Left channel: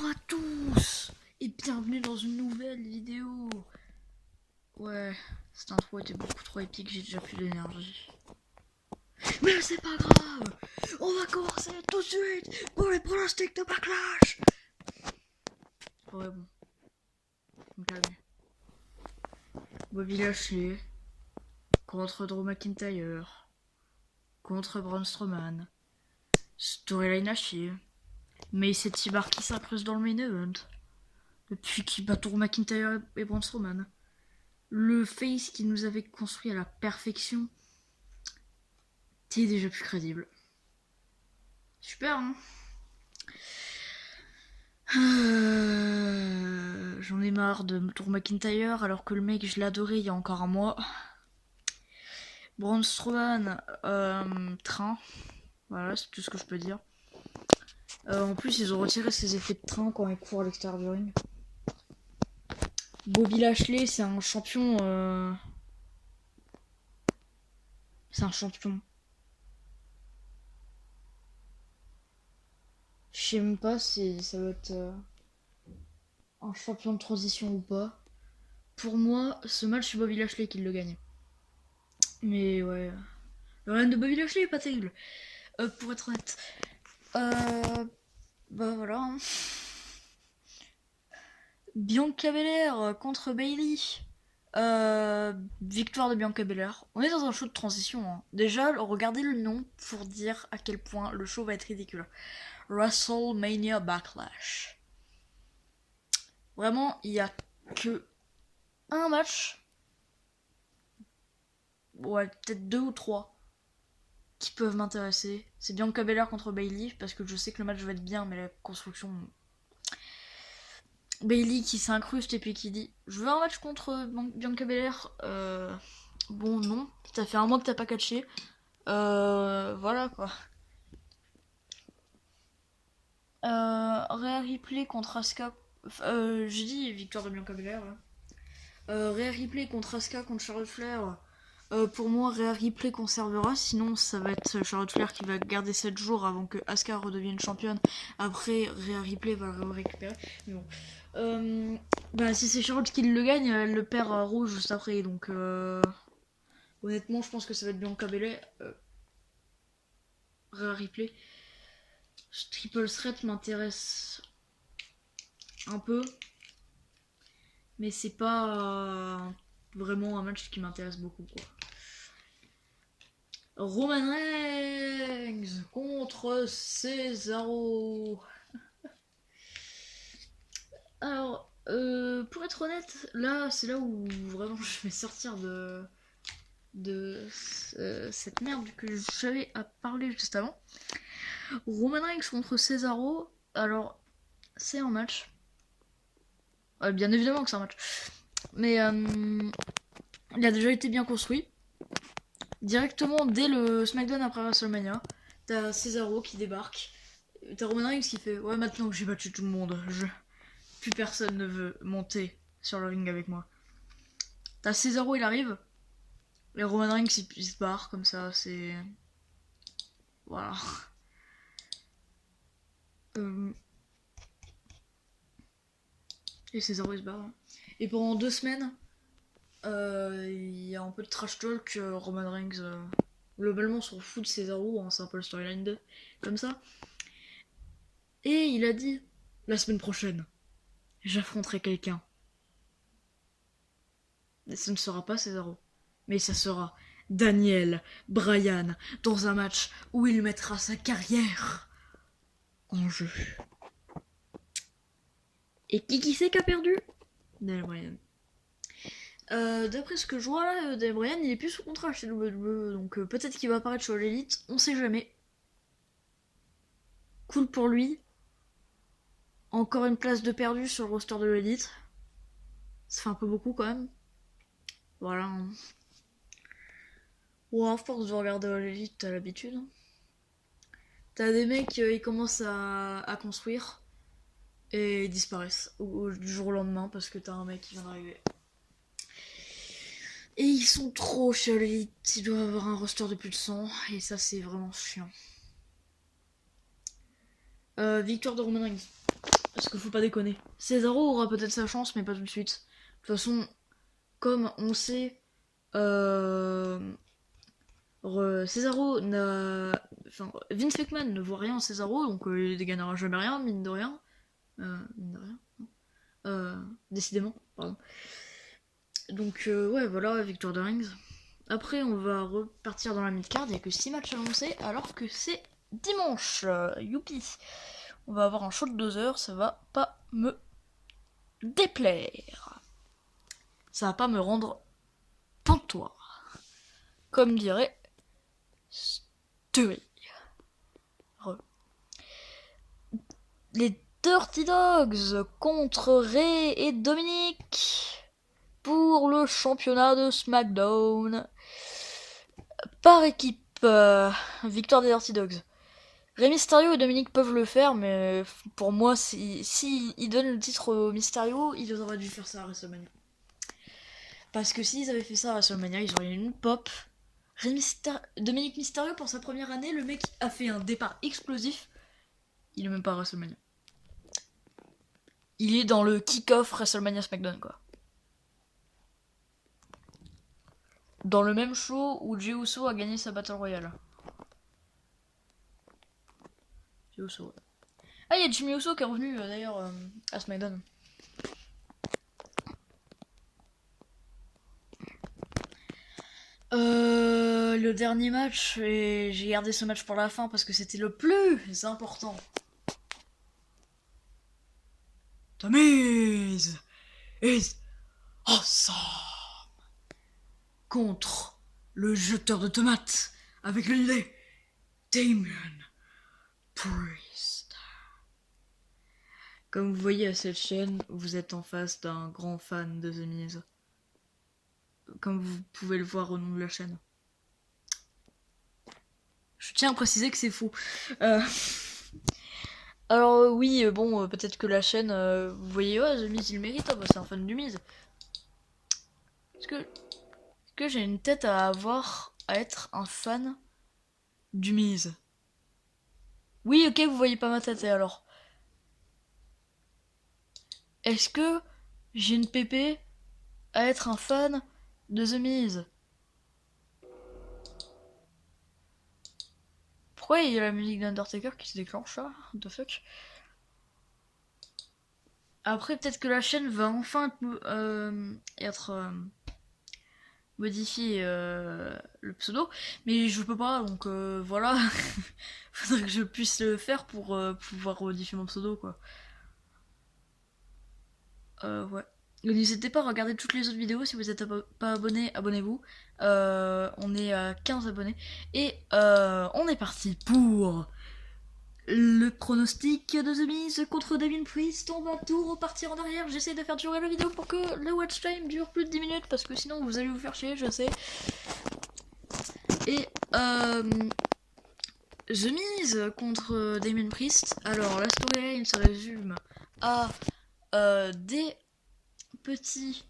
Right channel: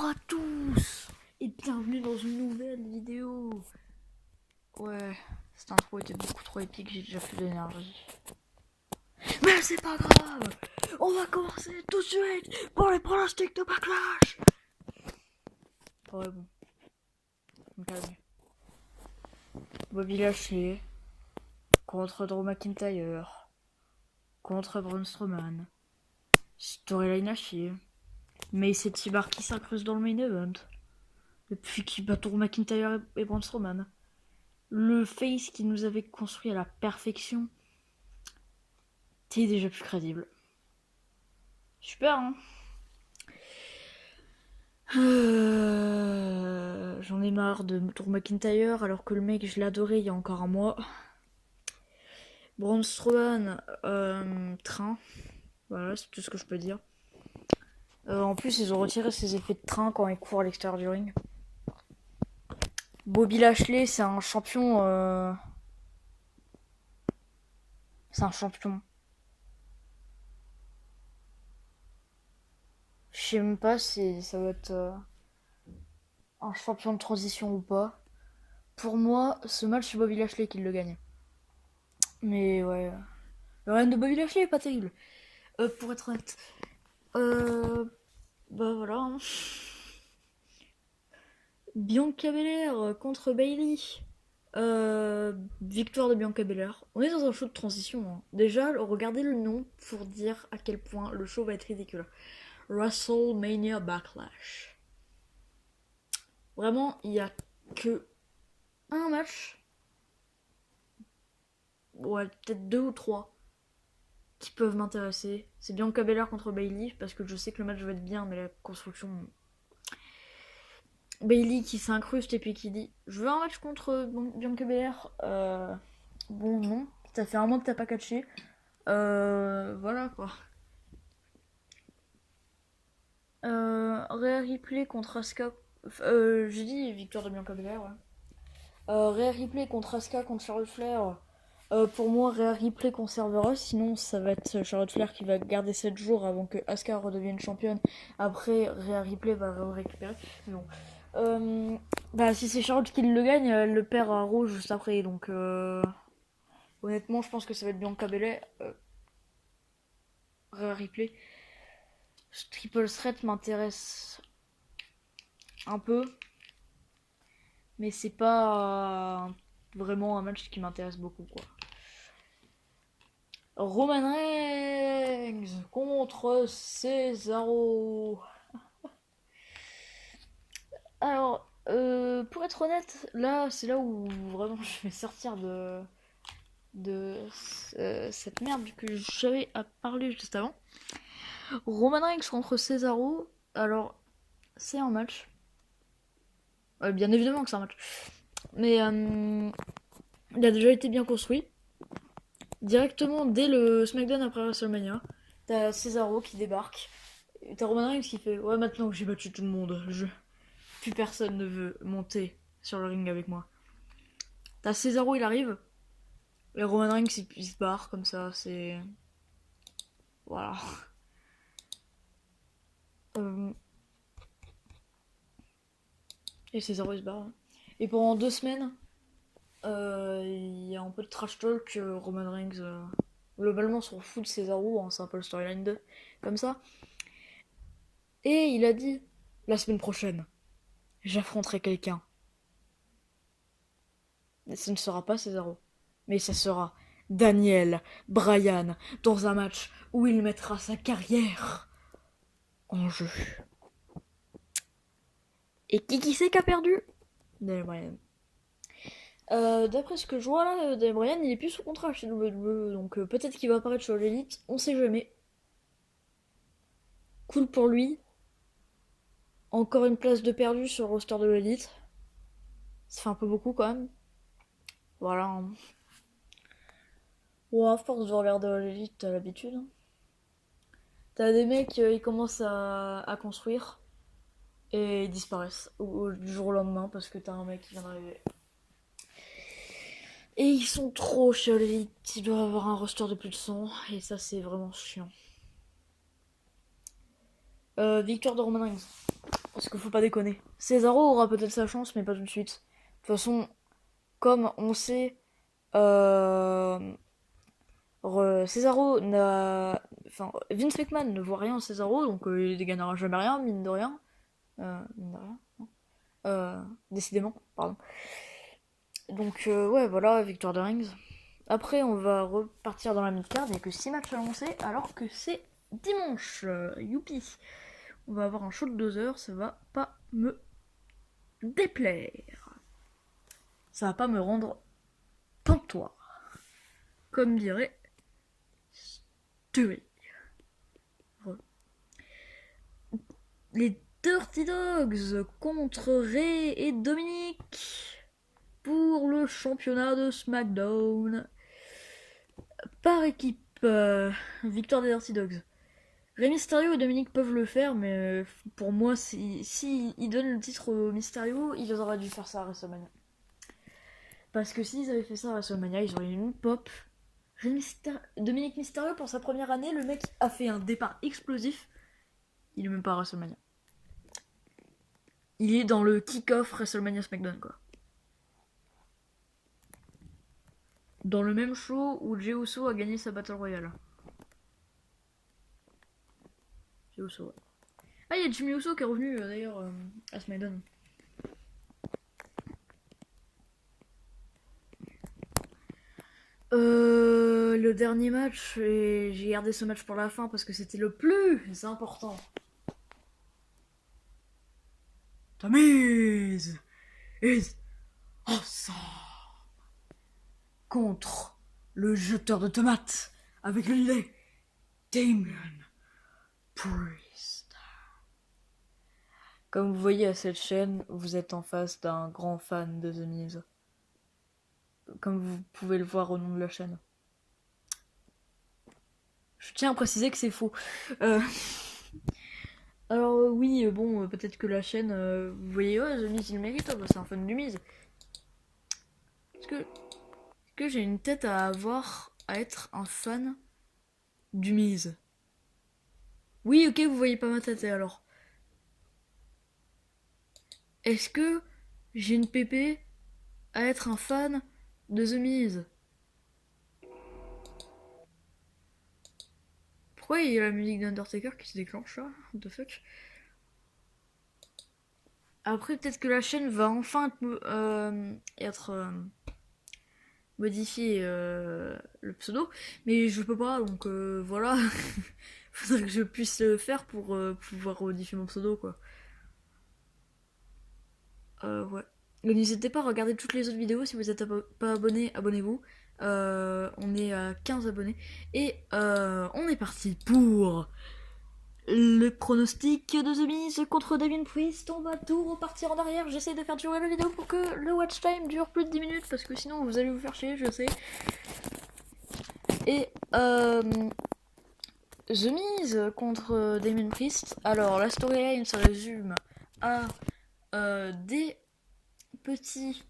Bonjour à tous et bienvenue dans une nouvelle vidéo. Ouais, cette intro était beaucoup trop épique, j'ai déjà plus d'énergie. Mais c'est pas grave, on va commencer tout de suite pour les pronostics de Backlash. Ouais bon, me calmer. Bobby Lashley contre Drew McIntyre contre Braun Strowman. Storyline à chier. Mais c'est T-Bar qui s'incruste dans le main event. Depuis qu'il bat Drew McIntyre et Braun Strowman. Le face qui nous avait construit à la perfection était déjà plus crédible. Super, hein. J'en ai marre de Drew McIntyre alors que le mec je l'adorais il y a encore un mois. Braun Strowman, train. Voilà, c'est tout ce que je peux dire. En plus, ils ont retiré ses effets de train quand il court à l'extérieur du ring. Bobby Lashley, c'est un champion. C'est un champion. Je sais même pas si ça va être un champion de transition ou pas. Pour moi, ce match, c'est Bobby Lashley qui le gagne. Mais ouais. Le règne de Bobby Lashley est pas terrible. Pour être honnête. Bah voilà. Hein. Bianca Belair contre Bayley. Victoire de Bianca Belair. On est dans un show de transition. Hein. Déjà, regardez le nom pour dire à quel point le show va être ridicule. WrestleMania Backlash. Vraiment, il y a que un match. Ouais, peut-être 2 ou 3 qui peuvent m'intéresser. C'est Bianca Belair contre Bayley parce que je sais que le match va être bien, mais la construction. Bayley qui s'incruste et puis qui dit je veux un match contre Bianca Belair. Bon, non, ça fait un mois que t'as pas catché. Voilà quoi. Rhea Ripley contre Asuka. J'ai dit victoire de Bianca Belair. Ouais. Rhea Ripley contre Asuka contre Charlotte Flair. Pour moi, Rhea Ripley conservera, sinon ça va être Charlotte Flair qui va garder 7 jours avant que Asuka redevienne championne. Après, Rhea Ripley va le récupérer. Mais bon. Bah, si c'est Charlotte qui le gagne, elle le perd à Raw juste après. Donc, honnêtement, je pense que ça va être Bianca Belair. Rhea Ripley. Ce triple threat m'intéresse un peu. Mais c'est pas vraiment un match qui m'intéresse beaucoup, quoi. Roman Reigns contre Cesaro. Alors, pour être honnête, là, c'est là où vraiment je vais sortir de cette merde que j'avais à parler juste avant. Roman Reigns contre Cesaro. Alors, c'est un match. Bien évidemment que c'est un match. Mais il a déjà été bien construit. Directement dès le SmackDown après WrestleMania, t'as Cesaro qui débarque. T'as Roman Reigns qui fait ouais, maintenant que j'ai battu tout le monde, plus personne ne veut monter sur le ring avec moi. T'as Cesaro, il arrive. Et Roman Reigns il se barre comme ça, c'est. Voilà. Et Cesaro il se barre. Et pendant 2 semaines, il y a un peu de trash talk. Roman Reigns globalement s'en fout de Cesaro, hein, c'est un peu le storyline 2 comme ça. Et il a dit la semaine prochaine, j'affronterai quelqu'un. Et ce ne sera pas Cesaro, mais ça sera Daniel Bryan dans un match où il mettra sa carrière en jeu. Et qui c'est qui a perdu? Daniel Bryan. D'après ce que je vois là, Daniel Bryan il est plus sous contrat chez WWE, donc peut-être qu'il va apparaître sur l'élite, on sait jamais. Cool pour lui. Encore une place de perdu sur le roster de l'élite. Ça fait un peu beaucoup quand même. Voilà. Hein. Bon, à force de regarder l'élite, t'as l'habitude. Hein. T'as des mecs, ils commencent à construire et ils disparaissent du jour au lendemain parce que t'as un mec qui vient d'arriver. Et ils sont trop chez l'élite, ils doivent avoir un roster de plus de 100 et ça c'est vraiment chiant. Victoire de Roman Reigns. Parce qu'il faut pas déconner. Cesaro aura peut-être sa chance, mais pas tout de suite. De toute façon, comme on sait, Cesaro n'a. Enfin, Vince McMahon ne voit rien en Cesaro, donc il ne gagnera jamais rien, mine de rien. Mine de rien, non. Décidément, pardon. Donc, ouais, voilà, victoire de Rings. Après, on va repartir dans la mid-card. Il n'y a que 6 matchs annoncés, alors que c'est dimanche. Youpi! On va avoir un show de 2 heures, ça va pas me déplaire. Ça va pas me rendre pantoire. Comme dirait Stewie. Les Dirty Dogs contre Ray et Dominique pour le championnat de SmackDown. Par équipe, victoire des Dirty Dogs. Rey Mysterio et Dominique peuvent le faire, mais pour moi, si ils donnent le titre au Mysterio, ils auraient dû faire ça à WrestleMania. Parce que s'ils avaient fait ça à WrestleMania, ils auraient eu une pop. Dominique Mysterio, pour sa première année, le mec a fait un départ explosif. Il est même pas à WrestleMania. Il est dans le kick-off WrestleMania SmackDown, quoi. Dans le même show où Jey Uso a gagné sa Battle Royale. Jey Uso, ouais. Ah, il y a Jimmy Uso qui est revenu d'ailleurs à SmackDown. Le dernier match, et j'ai gardé ce match pour la fin parce que c'était le plus important. The Miz is awesome contre le jeteur de tomates avec le nez Damien Priest. Comme vous voyez à cette chaîne, vous êtes en face d'un grand fan de The Miz. Comme vous pouvez le voir au nom de la chaîne. Je tiens à préciser que c'est faux. Alors oui, bon, peut-être que la chaîne, vous voyez, oh, The Miz il mérite, oh, bah, c'est un fan du Miz. Est-ce que j'ai une tête à être un fan du Miz? Oui, ok, vous voyez pas ma tête, et alors? Est-ce que j'ai une pépé à être un fan de The Miz? Pourquoi il y a la musique d'Undertaker qui se déclenche là? What the fuck? Après, peut-être que la chaîne va enfin être modifier le pseudo, mais je peux pas, donc voilà. Faudrait que je puisse le faire pour pouvoir modifier mon pseudo, quoi. Ouais. N'hésitez pas à regarder toutes les autres vidéos. Si vous n'êtes pas abonné, abonnez-vous. On est à 15 abonnés. Et on est parti pour le pronostic de The Miz contre Damien Priest. On va tout repartir en arrière. J'essaie de faire durer la vidéo pour que le watch time dure plus de 10 minutes. Parce que sinon vous allez vous faire chier, je sais. Et The Miz contre Damien Priest. Alors la storyline se résume à des petits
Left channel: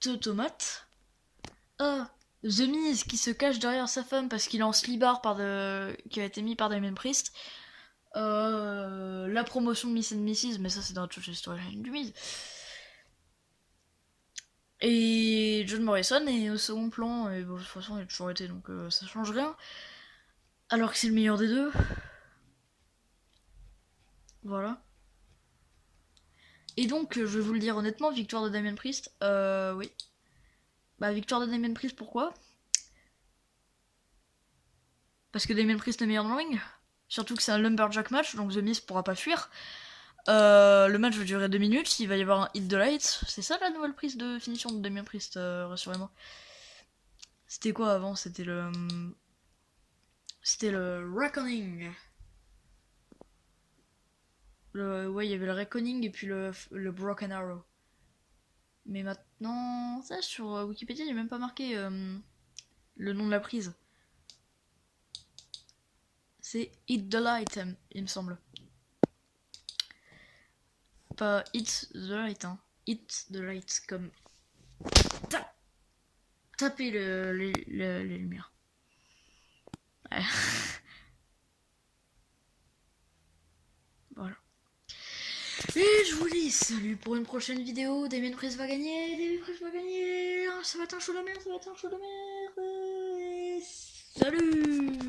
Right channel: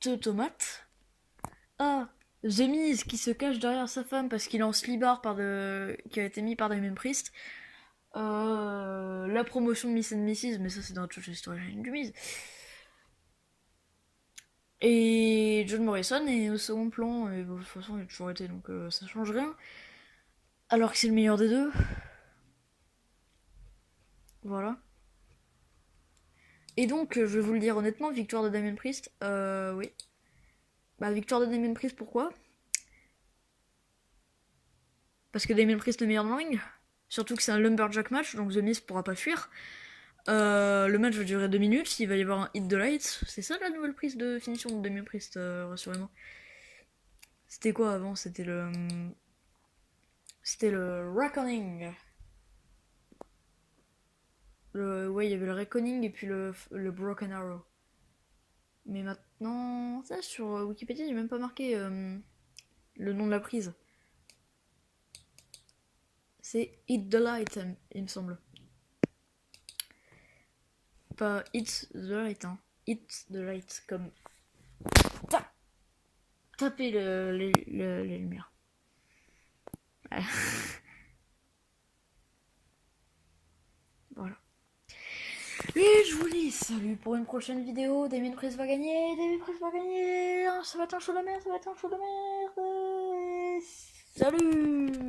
tomates, à The Miz qui se cache derrière sa femme parce qu'il est en slibard qui a été mis par Damien Priest, la promotion de Miss and Mrs, mais ça c'est dans toute la storyline du Miz, et John Morrison est au second plan, et bon, de toute façon il a toujours été, donc ça change rien, alors que c'est le meilleur des deux. Voilà. Et donc, je vais vous le dire honnêtement, victoire de Damien Priest, oui. Bah, victoire de Damien Priest, pourquoi? Parce que Damien Priest est le meilleur dans le ring. Surtout que c'est un lumberjack match, donc The Miz pourra pas fuir. Le match va durer 2 minutes, il va y avoir un hit the lights. C'est ça la nouvelle prise de finition de Damien Priest, rassurez-moi. C'était quoi avant? C'était le Reckoning. Ouais, il y avait le Reckoning et puis le Broken Arrow. Mais maintenant, ça sur Wikipédia, il n'y a même pas marqué le nom de la prise. C'est Hit the Light, il me semble. Pas Hit the Light, hein. Hit the Light, comme taper les lumières. Ouais. Voilà. je vous dis salut pour une prochaine vidéo. Damien Price va gagner. Damien Price va gagner. Ça va être un show de merde. Ça va être un show de merde. Salut.